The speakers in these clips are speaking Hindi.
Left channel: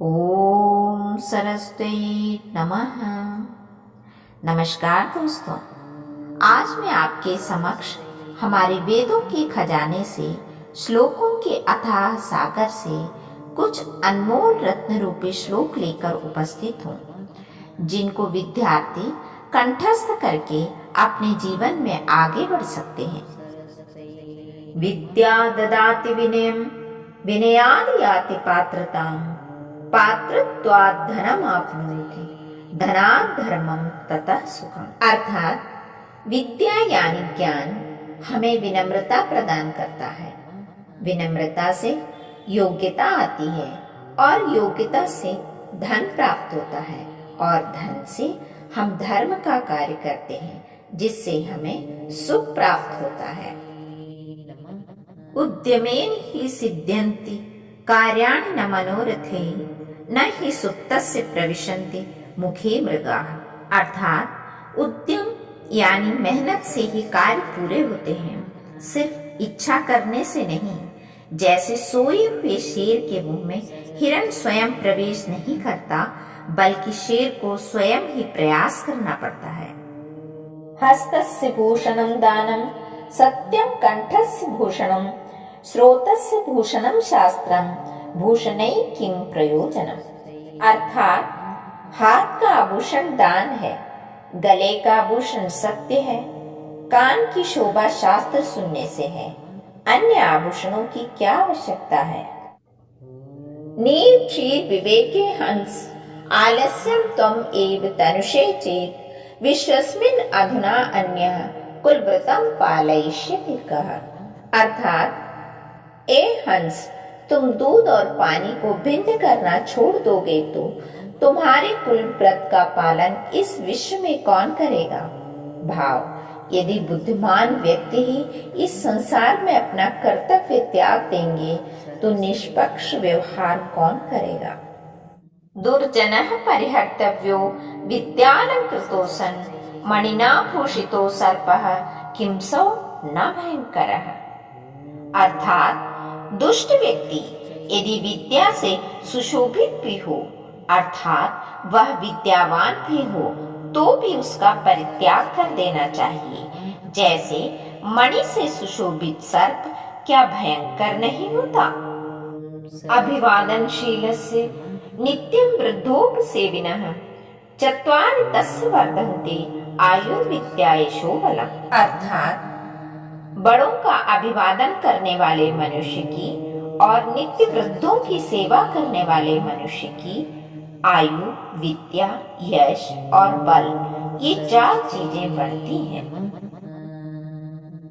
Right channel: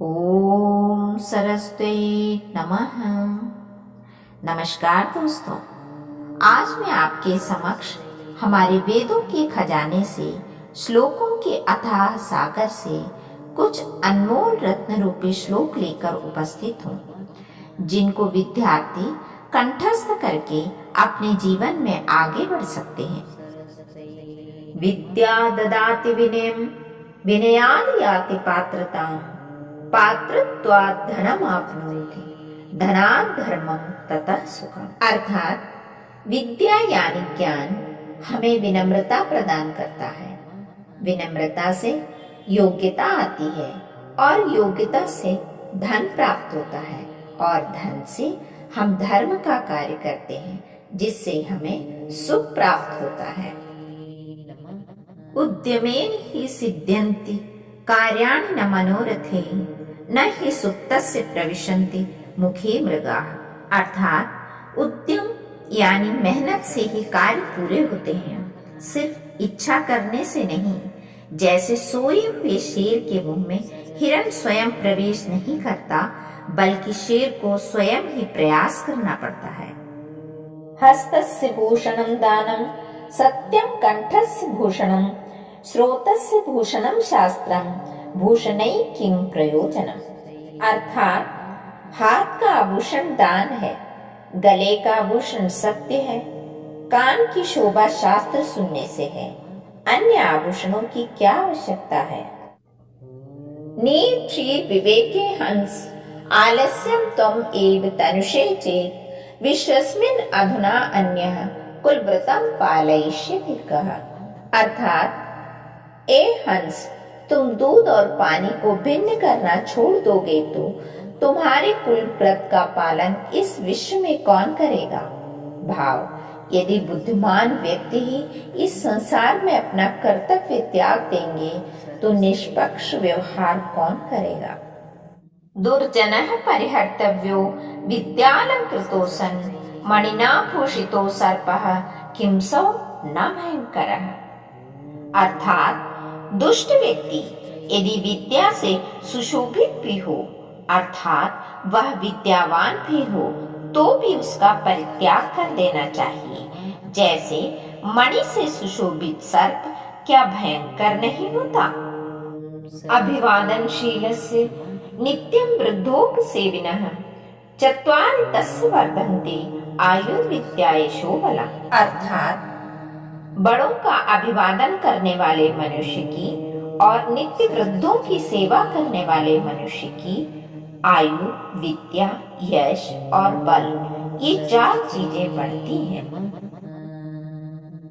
ओम सरस्वती नमः। नमस्कार दोस्तों, आज मैं आपके समक्ष हमारे वेदों के खजाने से श्लोकों के अथाह सागर से कुछ अनमोल रत्न रूपी श्लोक लेकर उपस्थित हूँ, जिनको विद्यार्थी कंठस्थ करके अपने जीवन में आगे बढ़ सकते हैं। विद्या ददाति विनयम, विनयाद याति पात्रताम, पात्रत्वात् धनम आपनोति, धनात् धर्मम ततः सुखम। अर्थात विद्या यानी ज्ञान हमें विनम्रता प्रदान करता है, विनम्रता से योग्यता आती है और योग्यता से धन प्राप्त होता है और धन से हम धर्म का कार्य करते हैं, जिससे हमें सुख प्राप्त होता है। उद्यमेन ही सिद्ध्यन्ति कार्याणि न मनोरथे, न ही सुप्तस्य प्रविशन्ति मुखे मृगाः। अर्थात उद्यम यानी मेहनत से ही कार्य पूरे होते हैं, सिर्फ इच्छा करने से नहीं। जैसे सोए हुए शेर के मुंह में हिरण स्वयं प्रवेश नहीं करता, बल्कि शेर को स्वयं ही प्रयास करना पड़ता है। हस्तस्य भूषणं दानं, सत्यं कंठस्य भूषणं, श्रोतस्य भूषणं शास्त्रं, भूषणै किम प्रयोजनम। अर्थात हाथ का आभूषण दान है, गले का आभूषण सत्य है, कान की शोभा शास्त्र सुनने से है, अन्य आभूषणों की क्या आवश्यकता है। नीर क्षीर विवेके हंस, आलस्यम त्वम एव तनुषे चेत, विश्वस्मिन् अधुना अन्यः कुलव्रतं पालयिष्यति कः। अर्थात ए हंस, तुम दूध और पानी को भिन्न करना छोड़ दोगे तो तुम्हारे कुल व्रत का पालन इस विश्व में कौन करेगा। भाव, यदि बुद्धिमान व्यक्ति ही इस संसार में अपना कर्तव्य त्याग देंगे तो निष्पक्ष व्यवहार कौन करेगा। दुर्जनः परिहर्तव्यो विद्यालंकृतो सन्, मणिना भूषितो सर्पः किं सौ न भयंकरः। अर्थात दुष्ट व्यक्ति यदि विद्या से सुशोभित भी हो, अर्थात वह विद्यावान भी हो, तो भी उसका परित्याग कर देना चाहिए। जैसे मणि से सुशोभित सर्प क्या भयंकर नहीं होता। अभिवादनशीलस्य नित्यं वृद्धोपसेविनः, चत्वारि तस्य वर्धन्ते आयुर्विद्यायशो बलम्। अर्थात बड़ों का अभिवादन करने वाले मनुष्य की और नित्य वृद्धों की सेवा करने वाले मनुष्य की आयु, विद्या, यश और बल, ये 4 चीजें बढ़ती हैं।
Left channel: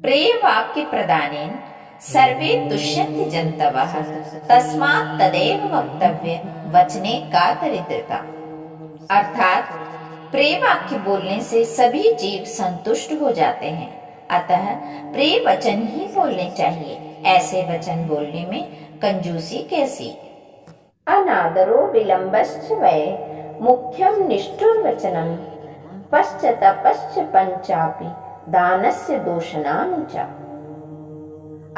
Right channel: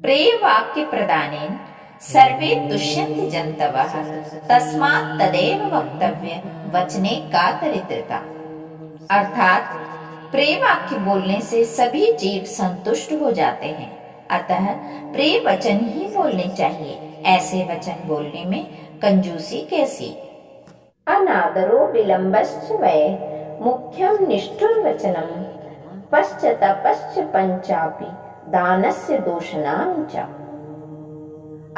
प्रिय वाक्य प्रदानेन सर्वे तुष्यन्ति जन्तवः, तस्मात् तदेव वक्तव्य वचने का दरिद्रता। अर्थात प्रिय वाक्य बोलने से सभी जीव संतुष्ट हो जाते हैं, अतः प्रिय वचन ही बोलने चाहिए। ऐसे वचन बोलने में कंजूसी कैसी। अनादरो विलंबश्च वै, मुख्यम निष्ठुर वचनम, पश्चातपश्च पंचापि दानस्य दोषणानि च।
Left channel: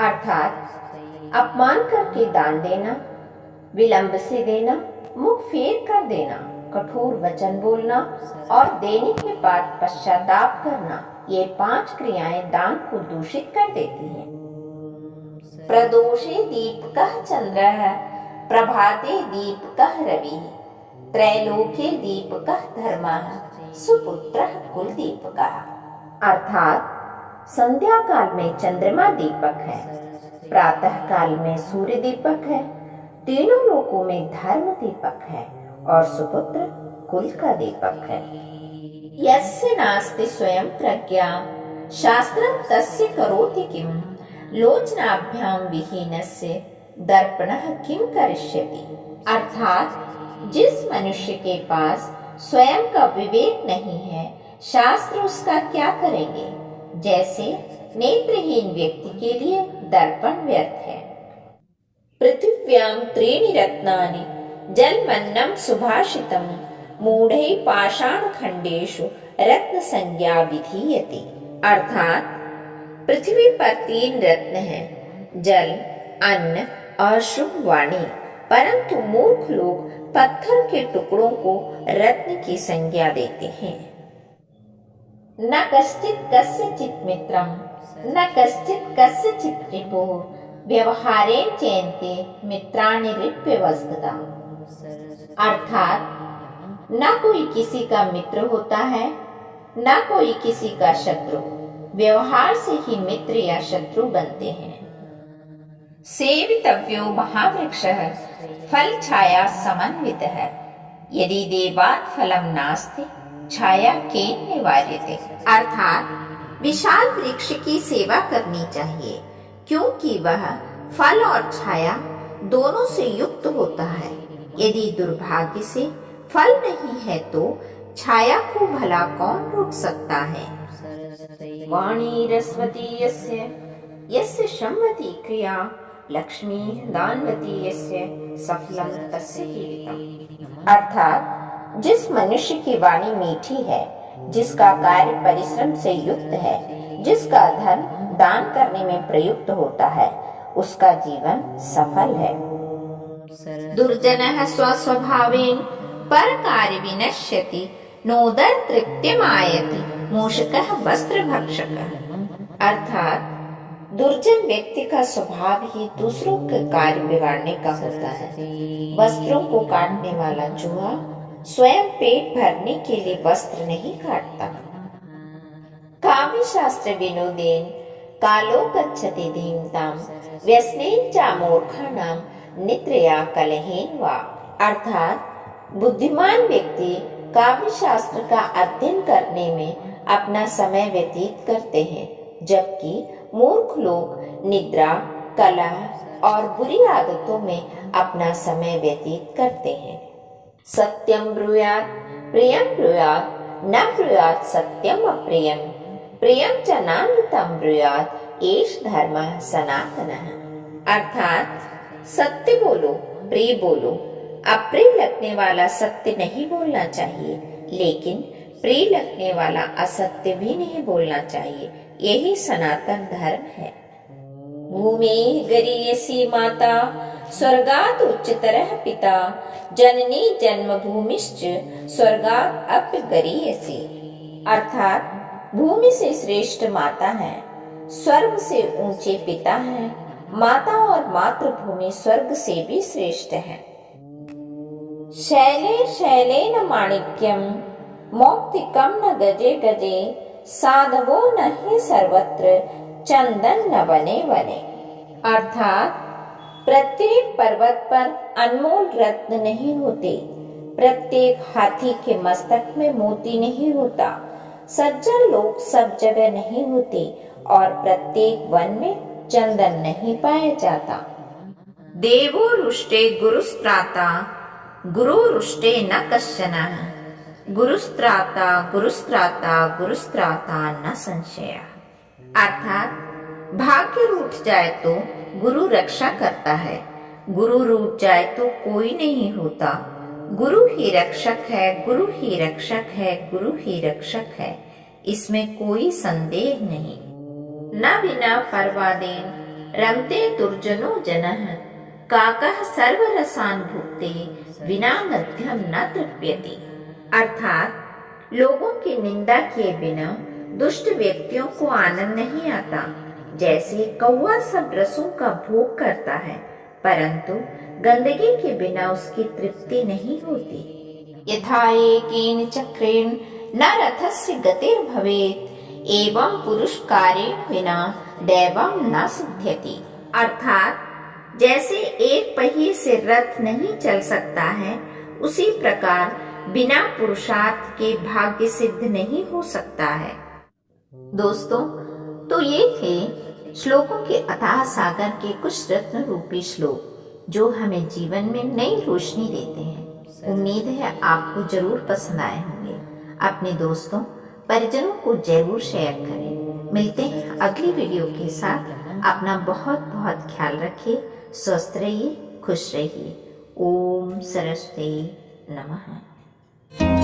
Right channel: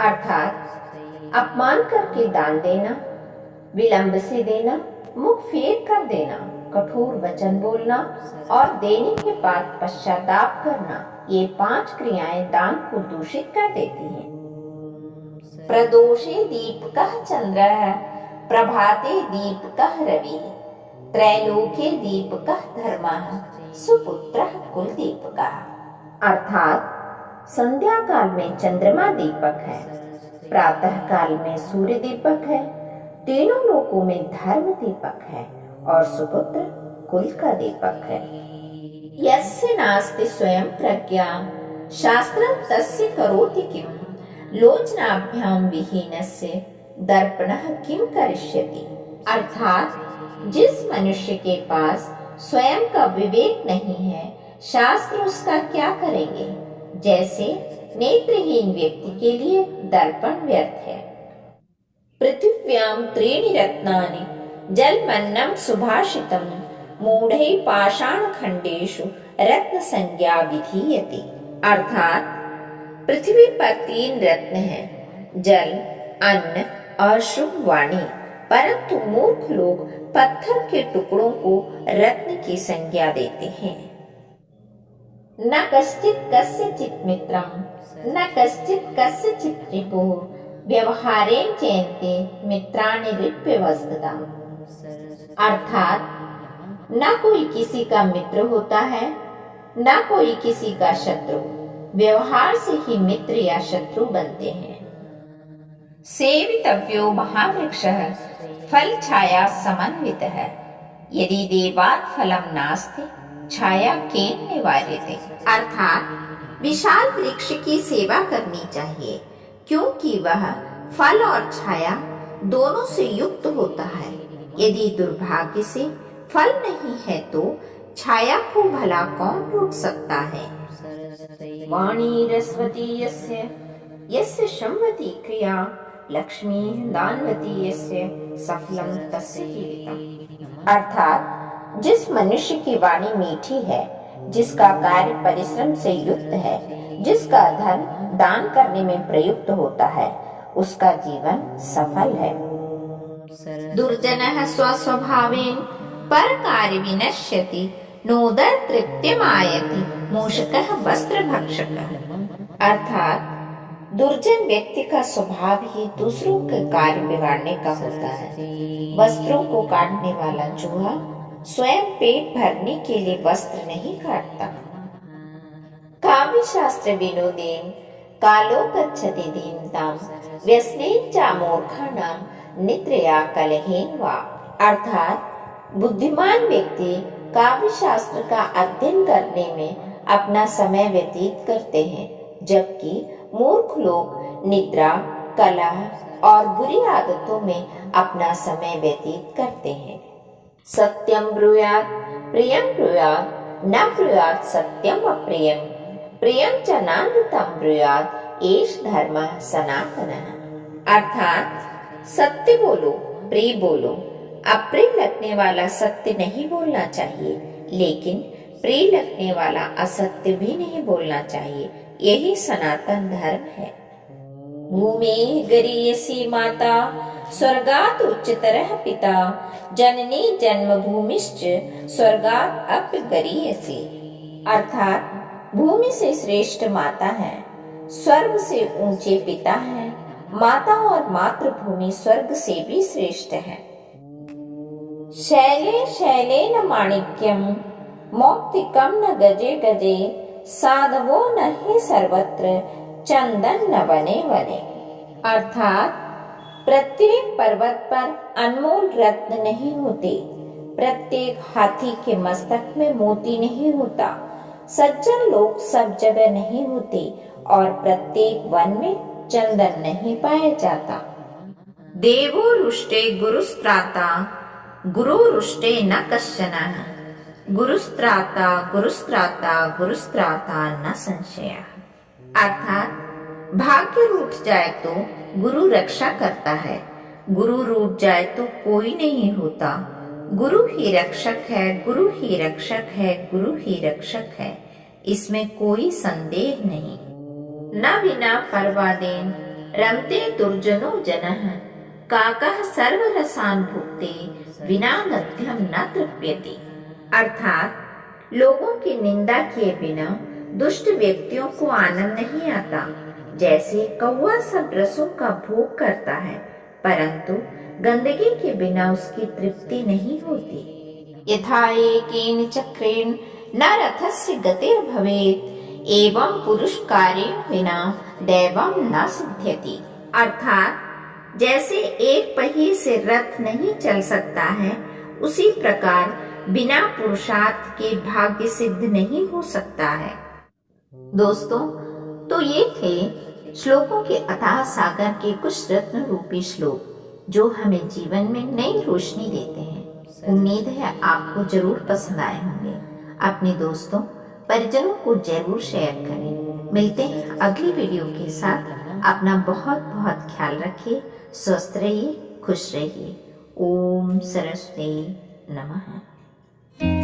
अर्थात अपमान करके दान देना, विलंब से देना, मुख फेर कर देना, कठोर वचन बोलना और देने के बाद पश्चाताप करना, ये 5 क्रियाएं दान को दूषित कर देती हैं। प्रदोषे दीपकः चंद्रः, प्रभाते दीपकः रविः, त्रैलोक्ये दीपकः धर्मः, सुपुत्रः कुलदीपकः। अर्थात संध्या काल में चंद्रमा दीपक है, प्रातः काल में सूर्य दीपक है, तीनों लोकों में धर्म दीपक है और सुपुत्र कुल का दीपक है। यस्य नास्ति स्वयं प्रज्ञा, शास्त्रं तस्य करोति किम, लोचनाभ्यां विहीनस्य दर्पणः किम करिष्यति। अर्थात जिस मनुष्य के पास स्वयं का विवेक नहीं है, शास्त्र उसका क्या करेंगे। जैसे नेत्रहीन व्यक्ति के लिए दर्पण व्यर्थ है। पृथिव्यां त्रीणि रत्नानि, जलमन्नं सुभाषितम्, मूढ़ै पाषाण खंडेषु रत्न संज्ञा विधीयते। अर्थात पृथ्वी पर 3 रत्न हैं, जल, अन्न और शुभ वाणी, परंतु मूर्ख लोग पत्थर के टुकड़ों को रत्न की संज्ञा देते हैं। न कश्चित् कस्यचित् मित्रं न कश्चित् कस्यचित् रिपुः व्यवहारेण चयन्ते मित्राणि रिप्यवस्तुतः। अर्थात न कोई किसी का मित्र होता है, न कोई किसी का शत्रु। व्यवहार से ही मित्र या शत्रु बनते हैं। सेवितव्यो महावृक्षः फल छाया समन्वितः यदि देवात् फलम नास्ति छाया केन निवार्यते। अर्थात विशाल वृक्ष की सेवा करनी चाहिए, क्योंकि वह फल और छाया दोनों से युक्त होता है। यदि दुर्भाग्य से फल नहीं है तो छाया को भला कौन रोक सकता है। वाणी रस्वती यस्य यस्य सम्मति क्रिया लक्ष्मी दानवती यस्य सफलम तस्य जीवितम्। अर्थात जिस मनुष्य की वाणी मीठी है, जिसका कार्य परिश्रम से युक्त है, जिसका धन दान करने में प्रयुक्त होता है, उसका जीवन सफल है। दुर्जनः स्वस्वभावेन परकार्य विनश्यति नोदर तृप्यमायति मूषकः वस्त्रभक्षकः। अर्थात दुर्जन व्यक्ति का स्वभाव ही दूसरों के कार्य बिगाड़ने का होता है। वस्त्रों को काटने वाला चूहा स्वयं पेट भरने के लिए वस्त्र नहीं काटता। काव्य शास्त्र विनोदेन कालो गच्छति धीमताम व्यसनेन च मूर्खाणाम निद्रया कलहेन वा। अर्थात बुद्धिमान व्यक्ति काव्य शास्त्र का अध्ययन करने में अपना समय व्यतीत करते हैं, जबकि मूर्ख लोग निद्रा, कलह और बुरी आदतों में अपना समय व्यतीत करते हैं। सत्यम ब्रूयात् प्रियम ब्रूयात् न ब्रूयात् सत्यम अप्रियम प्रियम च नानृतं ब्रूयात् एष धर्मः सनातनः। अर्थात सत्य बोलो, प्रिय बोलो। अप्रिय लगने वाला सत्य नहीं बोलना चाहिए, लेकिन प्रिय लगने वाला असत्य भी नहीं बोलना चाहिए। यही सनातन धर्म है। भूमि गरीयसी माता स्वर्गात् उच्चतरः पिता जननी जन्मभूमिश्च स्वर्गात् अपि गरीयसी। अर्थात भूमि से श्रेष्ठ माता है, स्वर्ग से ऊंचे पिता है। माता और मातृभूमि स्वर्ग से भी श्रेष्ठ है। शैले शैलेन माणिक्यम मौक्तिकम न गजे गजे साधवो न हि सर्वत्र चंदन न वने वने। अर्थात प्रत्येक पर्वत पर अनमोल रत्न नहीं होते, प्रत्येक हाथी के मस्तक में मोती नहीं होता, सज्जन लोग सब जगह नहीं होते और प्रत्येक वन में चंदन नहीं पाया जाता। देवो रुष्टे गुरुस्त्राता गुरु रुष्टे न कश्चन गुरुस्त्राता गुरुस्त्राता गुरुस्त्राता न संशय। अर्थात भाग्य रूठ जाए तो गुरु रक्षा करता है, गुरु रूठ जाए तो कोई नहीं होता। गुरु ही रक्षक है, गुरु ही रक्षक है, गुरु ही रक्षक है, इसमें कोई संदेह नहीं। न विना पर्वादेन रमते दुर्जनो जनः काकः सर्वरसान् भुक्ते विना मध्यम न तृप्यति। अर्थात लोगों की निंदा किए बिना दुष्ट व्यक्तियों को आनंद नहीं आता। जैसे कौवा सब रसों का भोग करता है, परंतु गंदगी के बिना उसकी तृप्ति नहीं होती। यथा एकेन चक्रेण न रथस्य गतिर्भवेत् एवं पुरुष कार्येण बिना दैवं न सिद्ध्यति। अर्थात जैसे एक पहिए से रथ नहीं चल सकता है, उसी प्रकार बिना पुरुषार्थ के भाग्य सिद्ध नहीं हो सकता है। दोस्तों, तो ये थे श्लोकों के अथाह सागर के कुछ रत्न रूपी श्लोक जो हमें जीवन में नई रोशनी देते हैं। उम्मीद है आपको जरूर पसंद आए होंगे। अपने दोस्तों परिजनों को जरूर शेयर करें। मिलते हैं अगली वीडियो के साथ। अपना बहुत बहुत ख्याल रखिए, स्वस्थ रहिए, खुश रहिए। ओम सरस्वती नमः।